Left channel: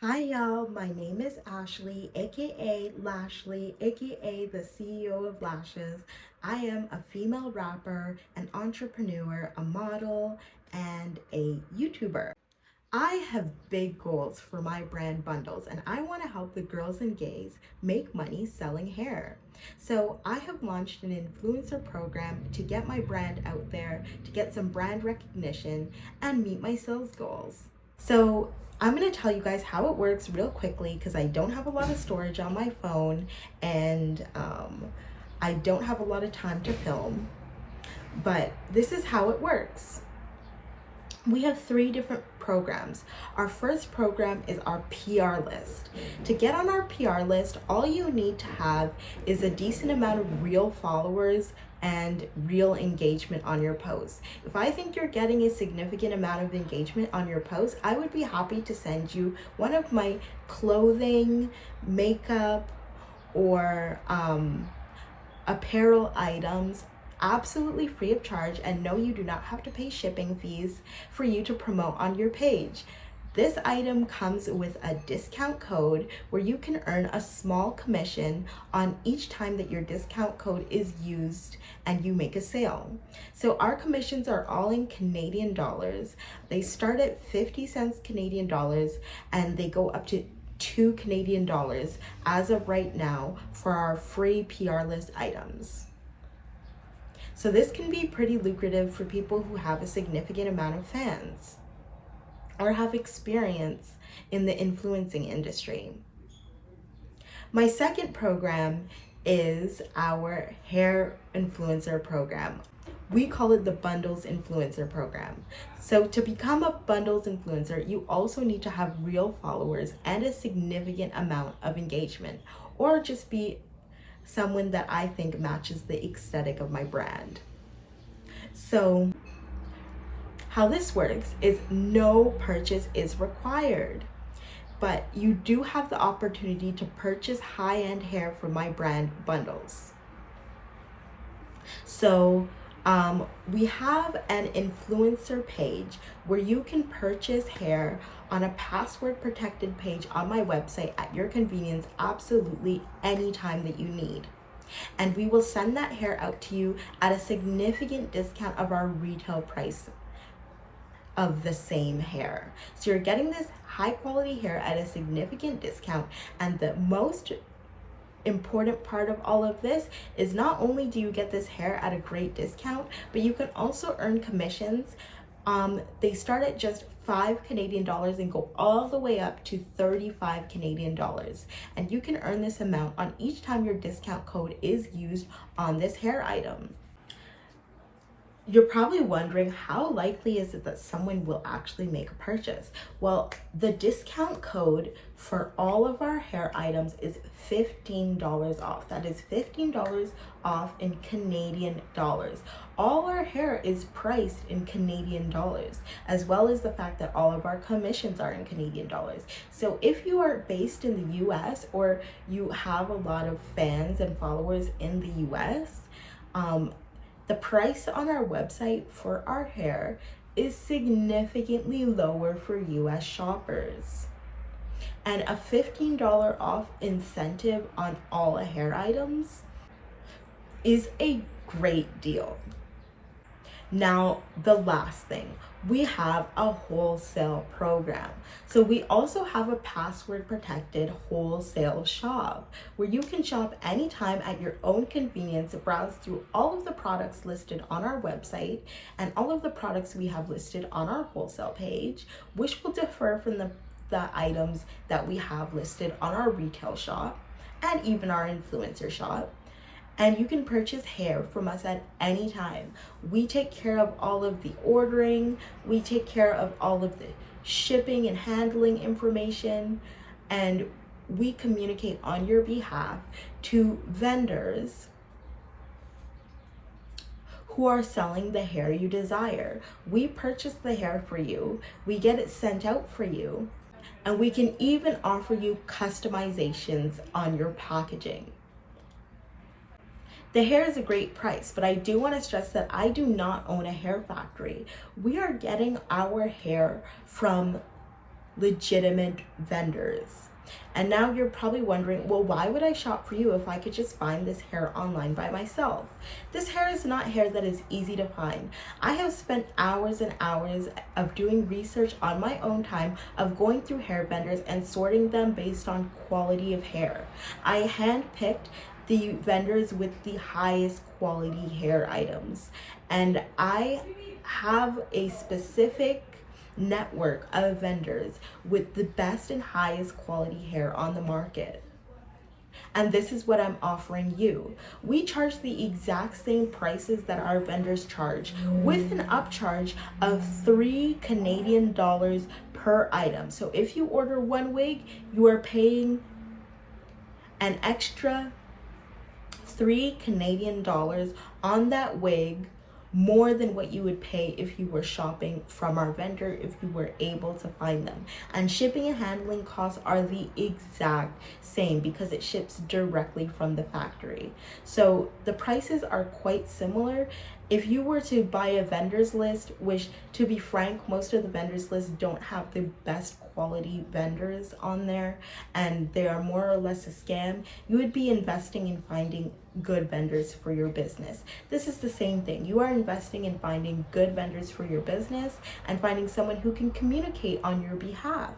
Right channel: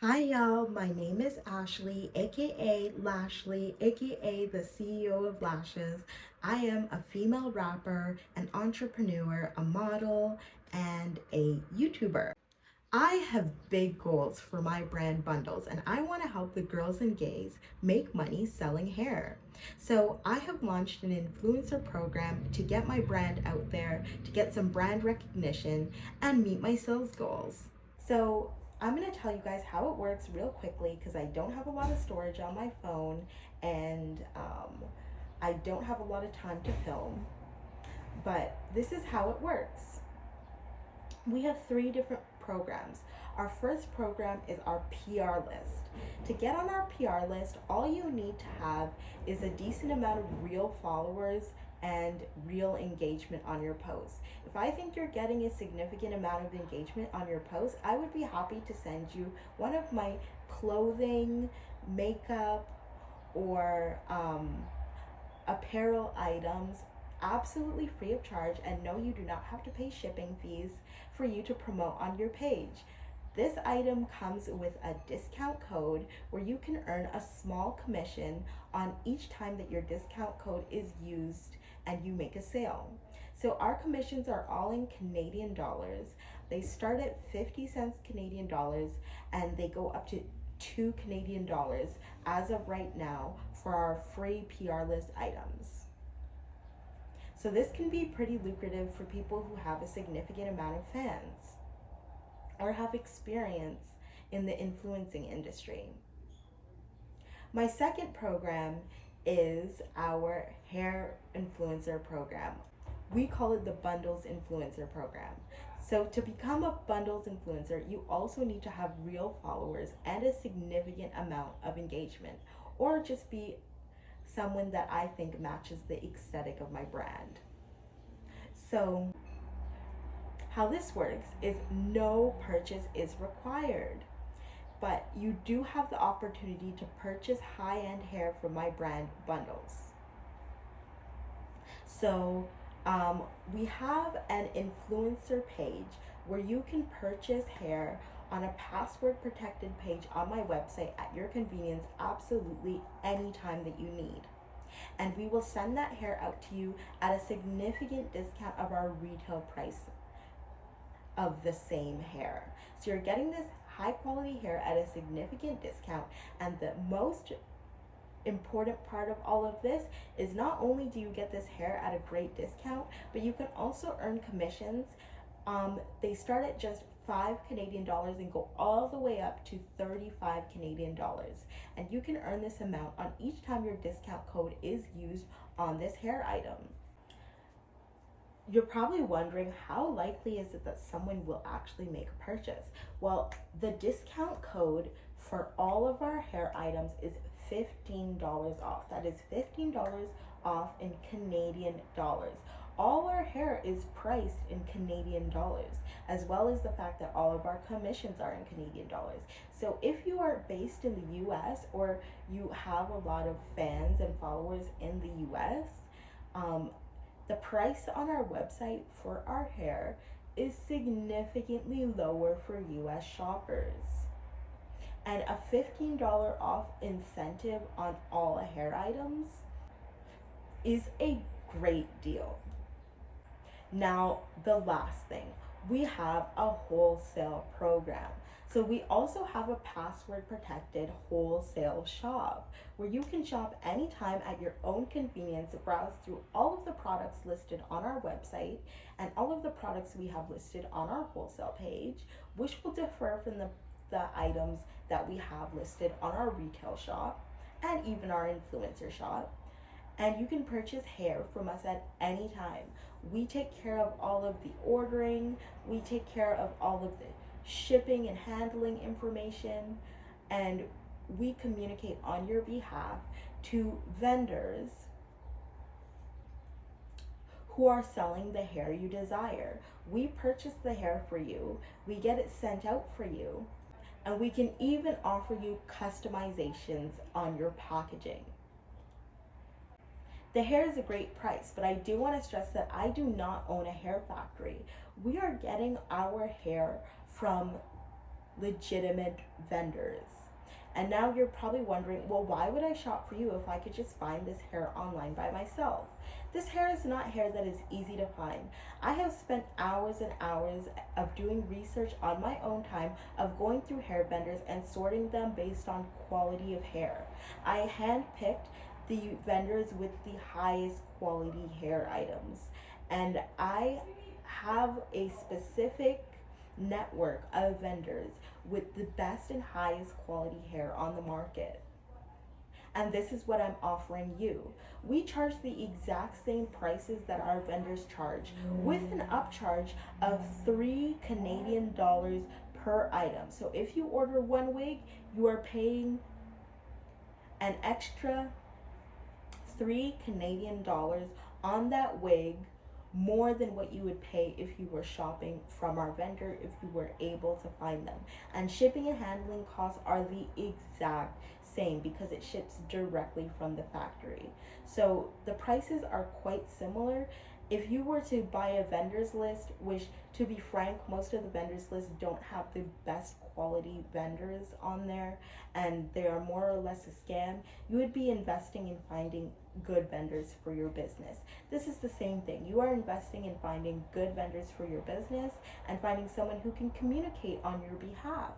Hi y'all, my name is Ashley, aka Lashley, aka the CEO of Lashes. I am a female rapper, an entrepreneur, a model, and a YouTuber. I have big goals for my brand bundles and I want to help the girls and gays make money selling hair. So I have launched an influencer program to get my brand out there, to get some brand recognition and meet my sales goals. So I'm going to tell you guys how it works real quickly because I don't have a lot of storage on my phone and I don't have a lot of time to film, but this is how it works. We have three different programs. Our first program is our PR list. To get on our PR list, all you need to have is a decent amount of real followers and real engagement on your posts. If I think you're getting a significant amount of engagement on your posts, I would be happy to send you one of my clothing, makeup, or apparel items absolutely free of charge, and no, you do not have to pay shipping fees for you to promote on your page. This item comes with a discount code where you can earn a small commission on each time that your discount code is used and you make a sale. So our commissions are all in Canadian dollars. They start at 50 cents Canadian dollars and they go up to 2 Canadian dollars as of right now for our free PR list items. So this can be pretty lucrative for people who have a significant amount of fans or have experience in the influencing industry. My second program is our hair influencer program. We call it the Bundles Influencer Program. So to become a Bundles influencer, you also need to have real followers and a significant amount of engagement, or just be someone that I think matches the aesthetic of my brand. So how this works is no purchase is required, but you do have the opportunity to purchase high-end hair from my brand bundles. So we have an influencer page where you can purchase hair on a password protected page on my website at your convenience absolutely anytime that you need. And we will send that hair out to you at a significant discount of our retail price of the same hair. So you're getting this high quality hair at a significant discount, and the most important part of all of this is not only do you get this hair at a great discount, but you can also earn commissions. They start at just 5 Canadian dollars and go all the way up to 35 Canadian dollars. And you can earn this amount on each time your discount code is used on this hair item. You're probably wondering, how likely is it that someone will actually make a purchase? Well, the discount code for all of our hair items is $15 off. That is $15 off in Canadian dollars. All our hair is priced in Canadian dollars, as well as the fact that all of our commissions are in Canadian dollars. So if you are based in the US or you have a lot of fans and followers in the US, the price on our website for our hair is significantly lower for US shoppers. And a $15 off incentive on all hair items is a great deal. Now, the last thing, we have a wholesale program. So we also have a password protected wholesale shop where you can shop anytime at your own convenience, browse through all of the products listed on our website and all of the products we have listed on our wholesale page, which will differ from the items that we have listed on our retail shop and even our influencer shop. And you can purchase hair from us at any time. We take care of all of the ordering, we take care of all of the shipping and handling information, and we communicate on your behalf to vendors who are selling the hair you desire. We purchase the hair for you, we get it sent out for you, and we can even offer you customizations on your packaging. The hair is a great price, but I do want to stress that I do not own a hair factory. We are getting our hair from legitimate vendors. And now you're probably wondering, well, why would I shop for you if I could just find this hair online by myself? This hair is not hair that is easy to find. I have spent hours and hours of doing research on my own time, of going through hair vendors and sorting them based on quality of hair. I handpicked the vendors with the highest quality hair items, and I have a specific network of vendors with the best and highest quality hair on the market. And this is what I'm offering you. We charge the exact same prices that our vendors charge, with an upcharge of $3 Canadian per item. So if you order one wig, you are paying an extra $3 Canadian on that wig, more than what you would pay if you were shopping from our vendor, if you were able to find them. And shipping and handling costs are the exact same because it ships directly from the factory. So the prices are quite similar. If you were to buy a vendors list, which, to be frank, most of the vendors lists don't have the best quality vendors on there, and they are more or less a scam, you would be investing in finding good vendors for your business. This is the same thing. You are investing in finding good vendors for your business and finding someone who can communicate on your behalf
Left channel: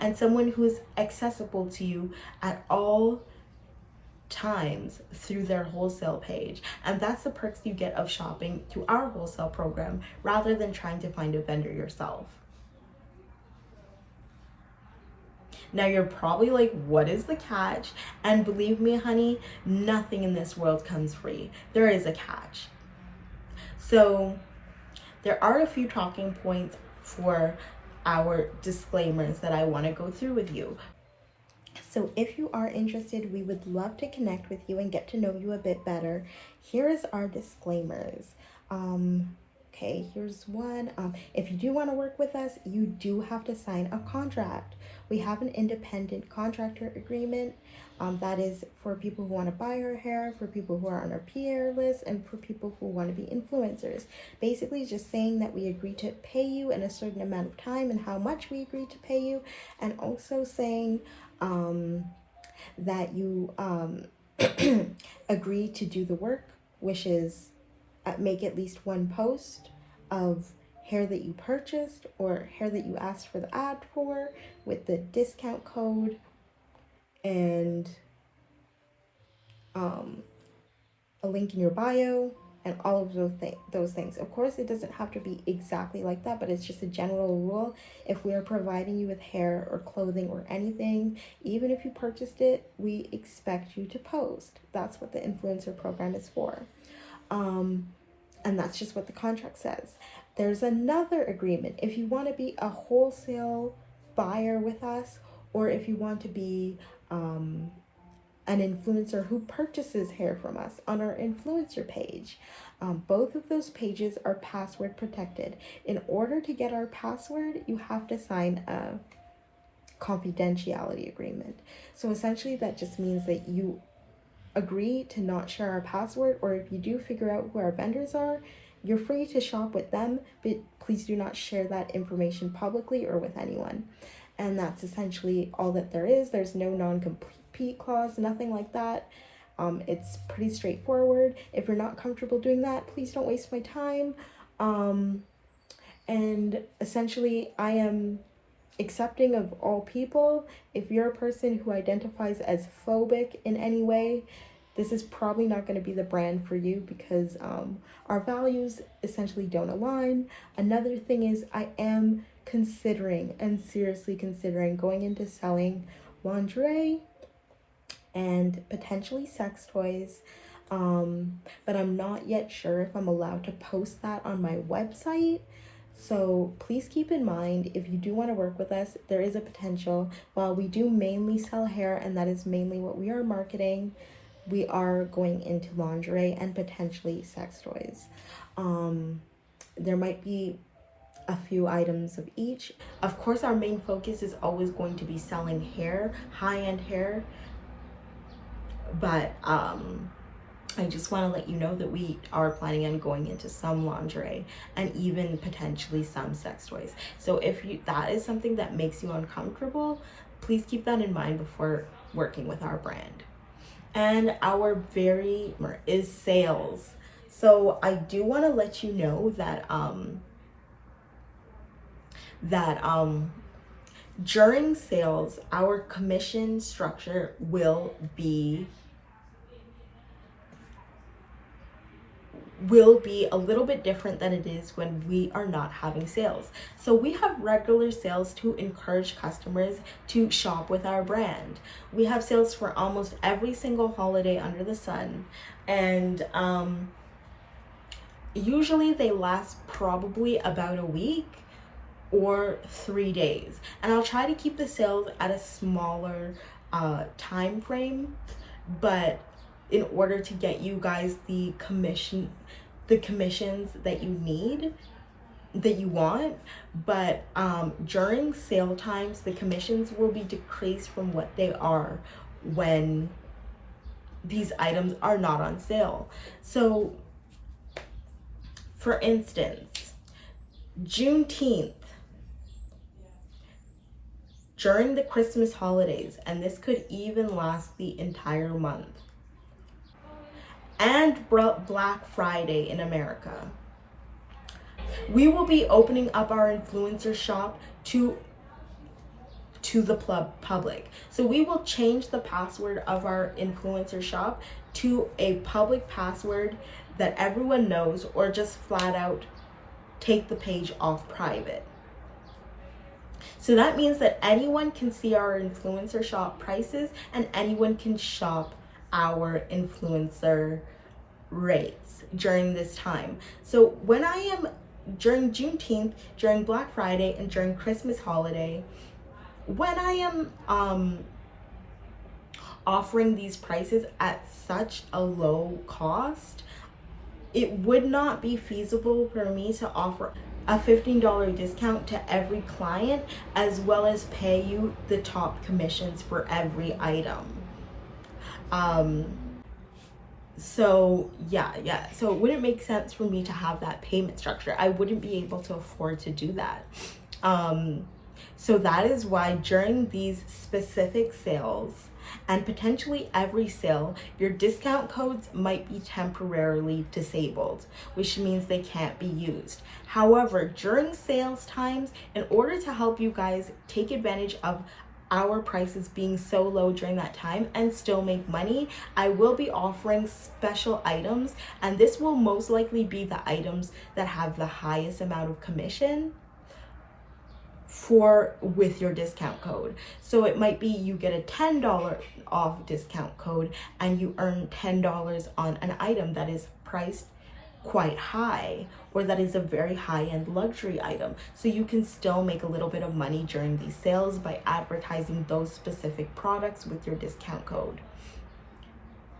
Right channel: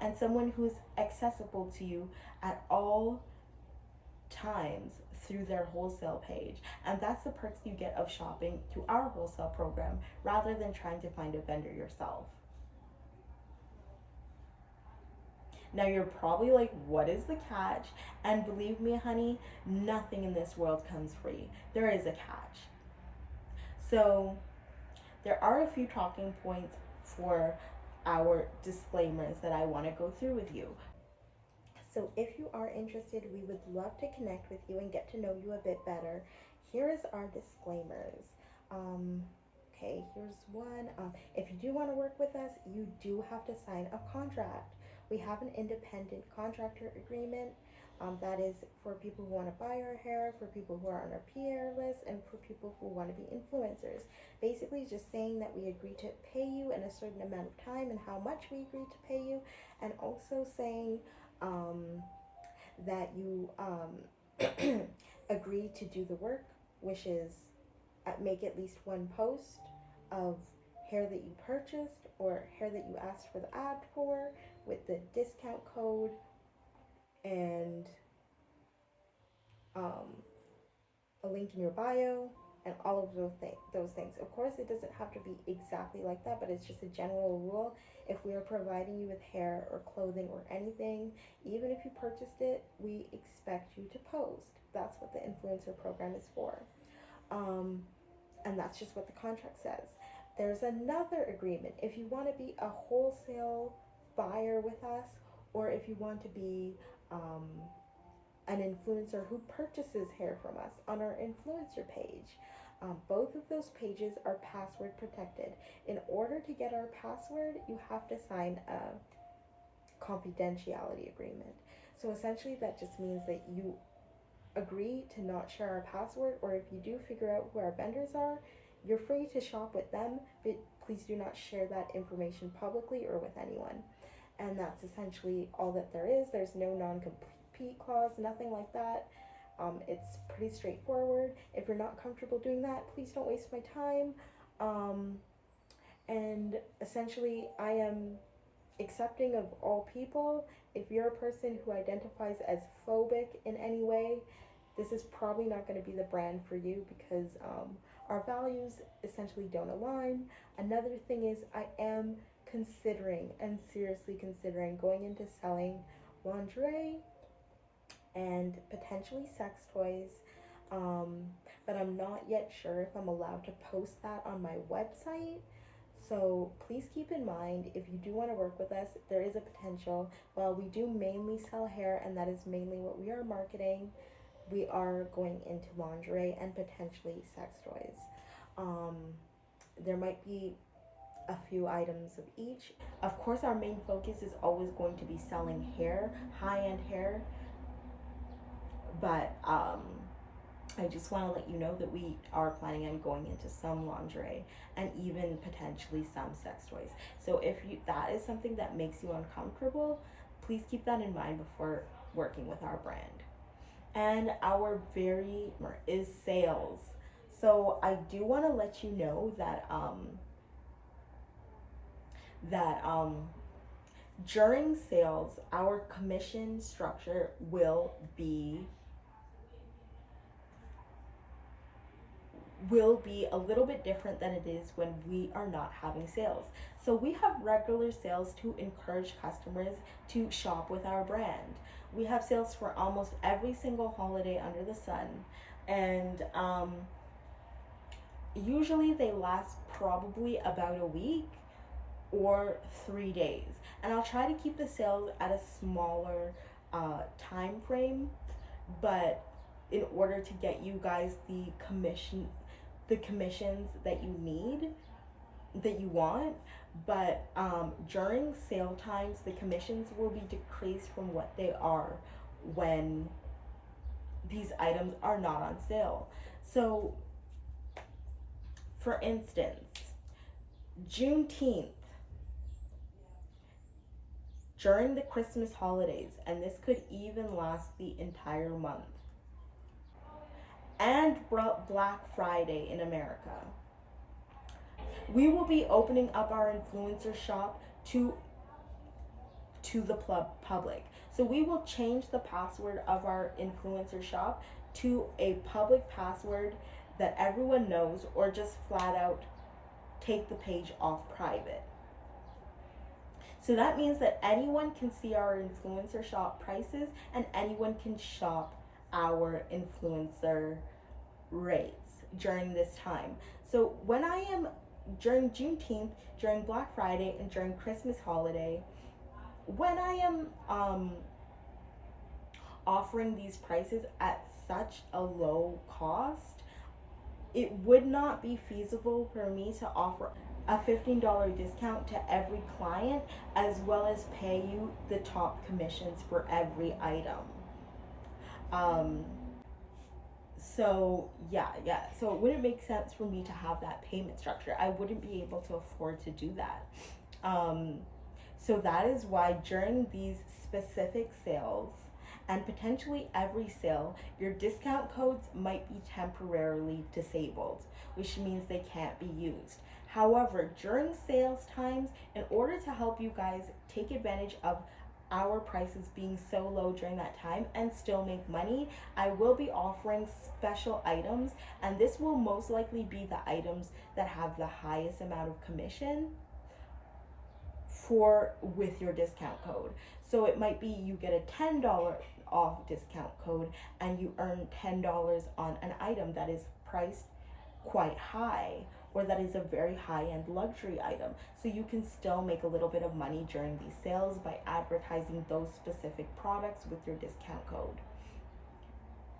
and someone who is accessible to you at all times through their wholesale page. And that's the perks you get of shopping through our wholesale program rather than trying to find a vendor yourself. Now you're probably like, what is the catch? And believe me, honey, nothing in this world comes free. There is a catch. So there are a few talking points for our disclaimers that I want to go through with you. So if you are interested, we would love to connect with you and get to know you a bit better. Here is our disclaimers. Okay, here's one. If you do want to work with us, you do have to sign a contract. We have an independent contractor agreement. That is for people who want to buy our hair, for people who are on our PR list, and for people who want to be influencers. Basically, just saying that we agree to pay you in a certain amount of time and how much we agree to pay you, and also saying that you agree to do the work, which is make at least one post of hair that you purchased or hair that you asked for the ad for, with the discount code and a link in your bio and all of those things. Of course, it doesn't have to be exactly like that, but it's just a general rule. If we are providing you with hair or clothing or anything, even if you purchased it, we expect you to post. That's what the influencer program is for. And that's just what the contract says. There's another agreement. If you want to be a wholesale buyer with us, or if you want to be an influencer who purchases hair from us on our influencer page, both of those pages are password protected. In order to get our password, you have to sign a confidentiality agreement. So essentially that just means that you agree to not share our password, or if you do figure out who our vendors are, you're free to shop with them, but please do not share that information publicly or with anyone. And that's essentially all that there is. There's no non-compete clause, nothing like that. It's pretty straightforward. If you're not comfortable doing that, please don't waste my time. And essentially, I am accepting of all people. If you're a person who identifies as phobic in any way, this is probably not going to be the brand for you, because our values essentially don't align. Another thing is, I am considering and seriously considering going into selling lingerie and potentially sex toys, but I'm not yet sure if I'm allowed to post that on my website. So please keep in mind, if you do want to work with us, there is a potential. While we do mainly sell hair, and that is mainly what we are marketing, we are going into lingerie and potentially sex toys. There might be a few items of each. Of course, our main focus is always going to be selling hair, high-end hair, but I just want to let you know that we are planning on going into some lingerie and even potentially some sex toys. So if that is something that makes you uncomfortable, please keep that in mind before working with our brand. And our very is sales. So I do want to let you know that during sales, our commission structure will be a little bit different than it is when we are not having sales. So we have regular sales to encourage customers to shop with our brand. We have sales for almost every single holiday under the sun, and usually they last probably about a week or 3 days. And I'll try to keep the sales at a smaller time frame, but in order to get you guys the commissions that you need, that you want. But during sale times, the commissions will be decreased from what they are when these items are not on sale. So for instance, Juneteenth, during the Christmas holidays, and this could even last the entire month, and Black Friday in America, we will be opening up our influencer shop to the public. So we will change the password of our influencer shop to a public password that everyone knows, or just flat out take the page off private. So that means that anyone can see our influencer shop prices and anyone can shop our influencer rates during this time. So when I am during Juneteenth, during Black Friday, and during Christmas holiday, when I am offering these prices at such a low cost, it would not be feasible for me to offer a $15 discount to every client, as well as pay you the top commissions for every item. So so it wouldn't make sense for me to have that payment structure. I wouldn't be able to afford to do that. So that is why during these specific sales, and potentially every sale, your discount codes might be temporarily disabled, which means they can't be used. However, during sales times, in order to help you guys take advantage of our prices being so low during that time and still make money, I will be offering special items, and this will most likely be the items that have the highest amount of commission with your discount code. So it might be you get a $10 off discount code and you earn $10 on an item that is priced quite high, or that is a very high-end luxury item. So you can still make a little bit of money during these sales by advertising those specific products with your discount code.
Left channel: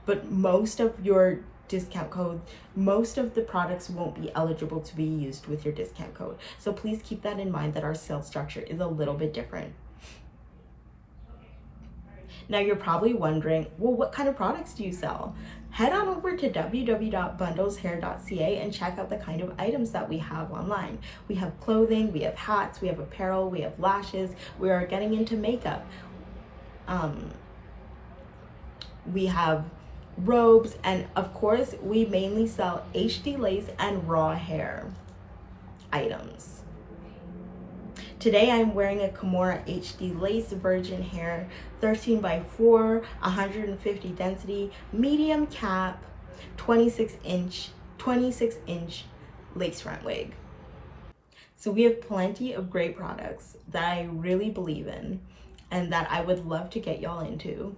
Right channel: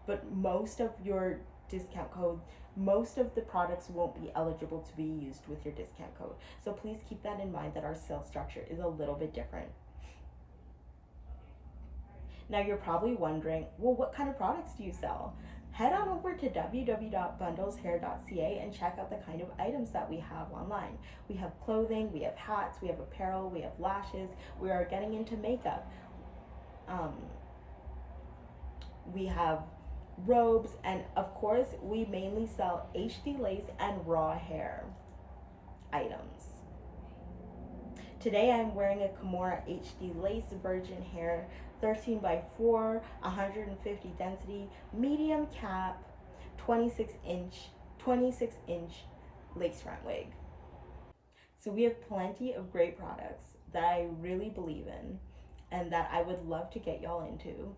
But most of your discount code, most of the products won't be eligible to be used with your discount code. So please keep that in mind, that our sales structure is a little bit different. Now you're probably wondering, well, what kind of products do you sell? Head on over to www.bundleshair.ca and check out the kind of items that we have online. We have clothing, we have hats, we have apparel, we have lashes, we are getting into makeup. We have robes, and of course we mainly sell HD lace and raw hair items. Today I'm wearing a Kimora HD lace virgin hair, 13x4, 150 density, medium cap, 26 inch lace front wig. So we have plenty of great products that I really believe in and that I would love to get y'all into,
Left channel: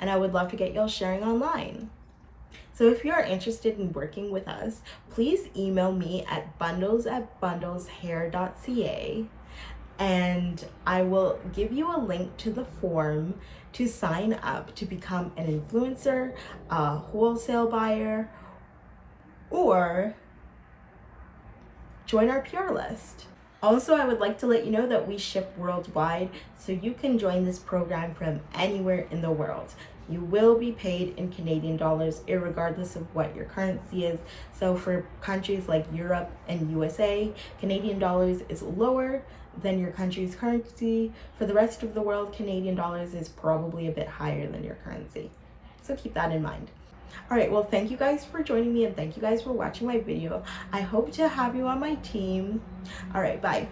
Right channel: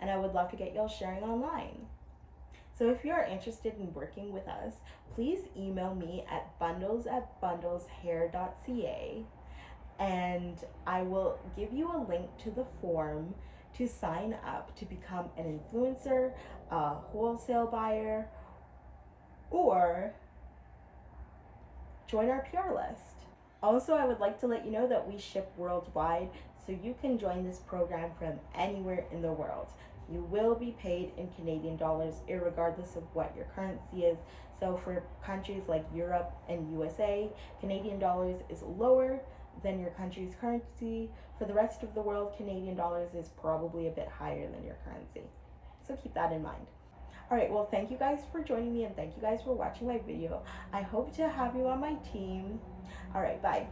and I would love to get y'all sharing online. So if you are interested in working with us, please email me at bundles@bundleshair.ca, and I will give you a link to the form to sign up to become an influencer, a wholesale buyer, or join our PR list. Also, I would like to let you know that we ship worldwide, so you can join this program from anywhere in the world. you will be paid in Canadian dollars, irregardless of what your currency is. So for countries like Europe and USA, Canadian dollars is lower than your country's currency. For the rest of the world, Canadian dollars is probably a bit higher than your currency. So keep that in mind. All right, well, thank you guys for joining me, and thank you guys for watching my video. I hope to have you on my team. All right, bye.